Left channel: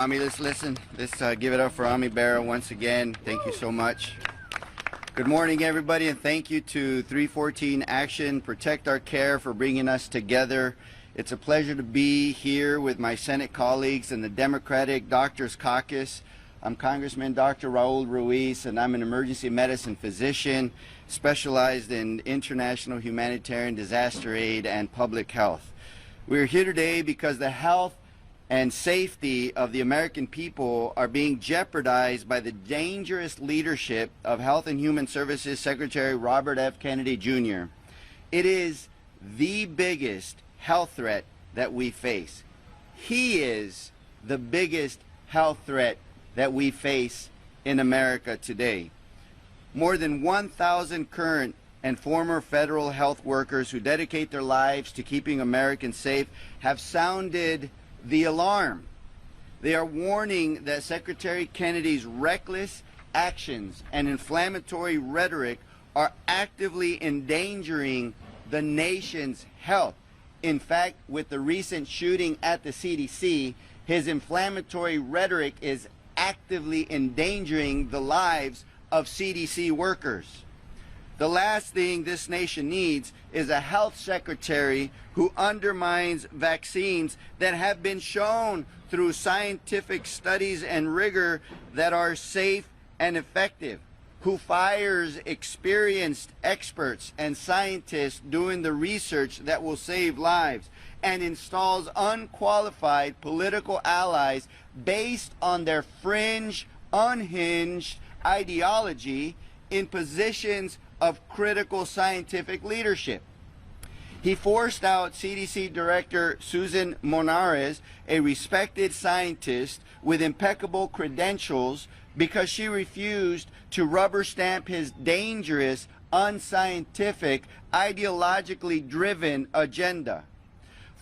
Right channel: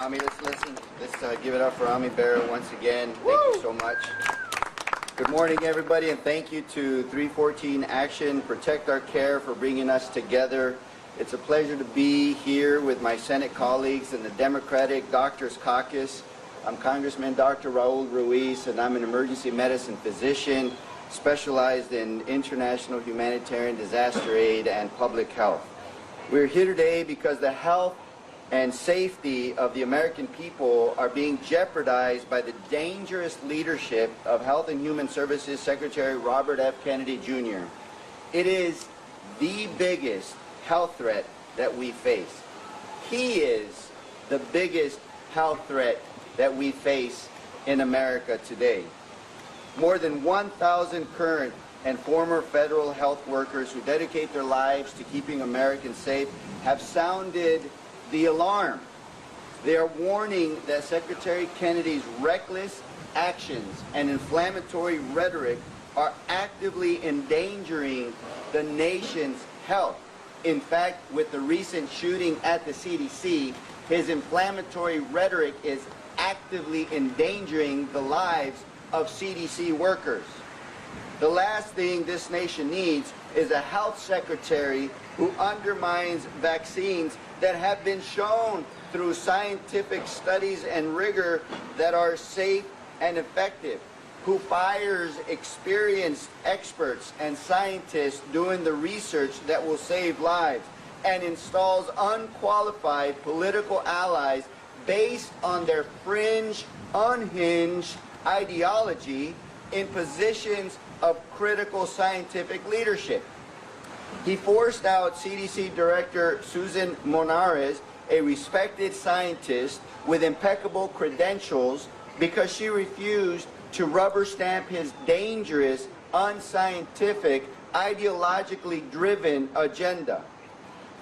Ami, let's listen. Let's give it up for Ami Barrow once again. Thank you so much. Good morning, everybody, and thank you to 314 Action, Protect Our Care for bringing us together. It's a pleasure to be here with my Senate colleagues in the Democratic Doctors Caucus. I'm Congressman Dr. Raul Ruiz, and I'm an emergency medicine physician specialized in international humanitarian disaster aid and public health. We're here today because the health and safety of the American people are being jeopardized by the dangerous leadership of Health and Human Services Secretary Robert F. Kennedy Jr. It is the biggest health threat that we face. He is the biggest health threat that we face in America today. More than 1,000 current and former federal health workers who dedicate their lives to keeping Americans safe have sounded the alarm. They are warning that Secretary Kennedy's reckless actions and inflammatory rhetoric are actively endangering the nation's health. In fact, with the recent shooting at the CDC, his inflammatory rhetoric is actively endangering the lives of CDC workers. The last thing this nation needs is a health secretary who undermines vaccines that have been shown through scientific studies and rigor that are safe and effective, who fires experienced experts and scientists doing the research that will save lives, and installs unqualified political allies based on their fringe, unhinged ideology in positions of critical scientific leadership. He forced out CDC Director Susan Monares, a respected scientist with impeccable credentials, because she refused to rubber stamp his dangerous, unscientific, ideologically driven agenda.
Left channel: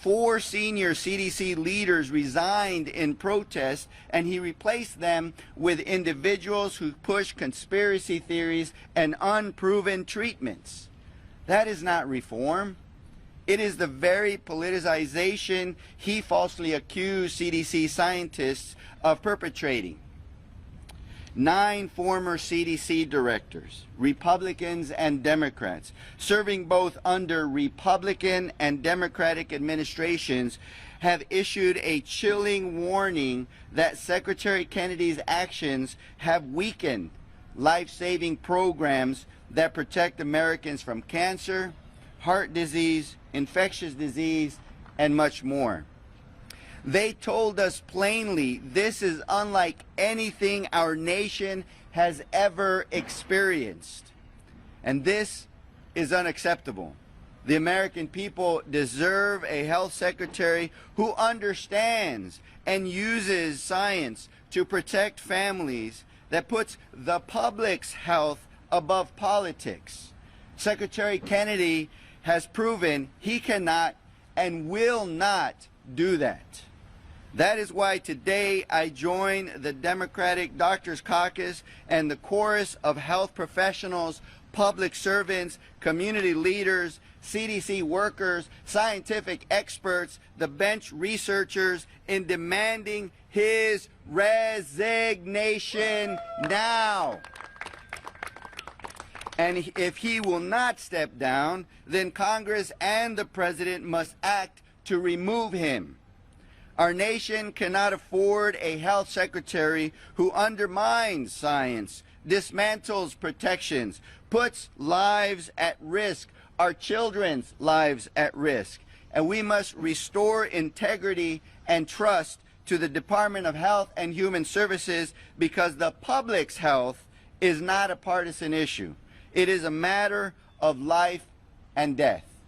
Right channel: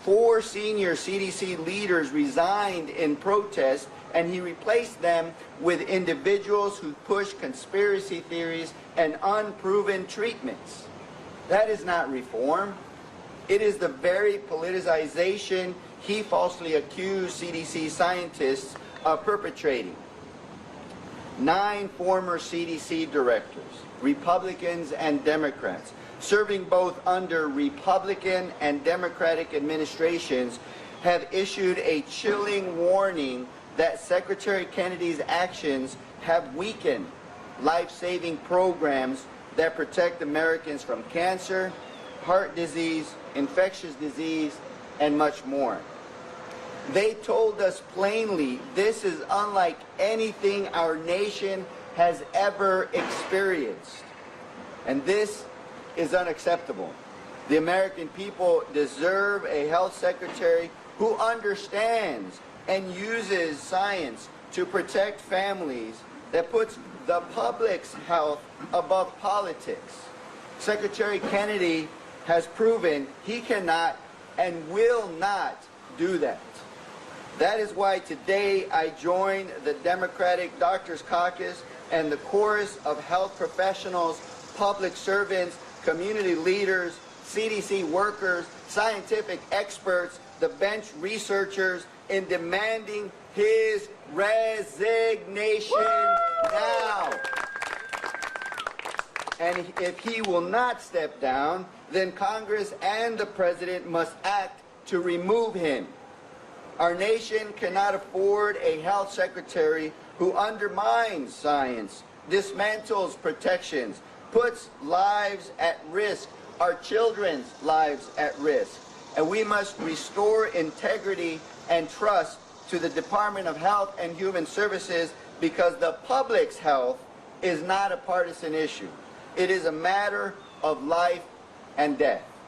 4 senior CDC leaders resigned in protest, and he replaced them with individuals who push conspiracy theories and unproven treatments. That is not reform. It is the very politicization he falsely accused CDC scientists of perpetrating. 9 former CDC directors, Republicans and Democrats, serving both under Republican and Democratic administrations, have issued a chilling warning that Secretary Kennedy's actions have weakened life-saving programs that protect Americans from cancer, heart disease, infectious disease, and much more. They told us plainly this is unlike anything our nation has ever experienced. And this is unacceptable. The American people deserve a health secretary who understands and uses science to protect families, that puts the public's health above politics. Secretary Kennedy has proven he cannot and will not do that. That is why today I join the Democratic Doctors Caucus and the chorus of health professionals, public servants, community leaders, CDC workers, scientific experts, the bench researchers, in demanding his resignation now. And if he will not step down, then Congress and the President must act to remove him. Our nation cannot afford a health secretary who undermines science, dismantles protections, puts lives at risk, our children's lives at risk. And we must restore integrity and trust to the Department of Health and Human Services, because the public's health is not a partisan issue. It is a matter of life and death.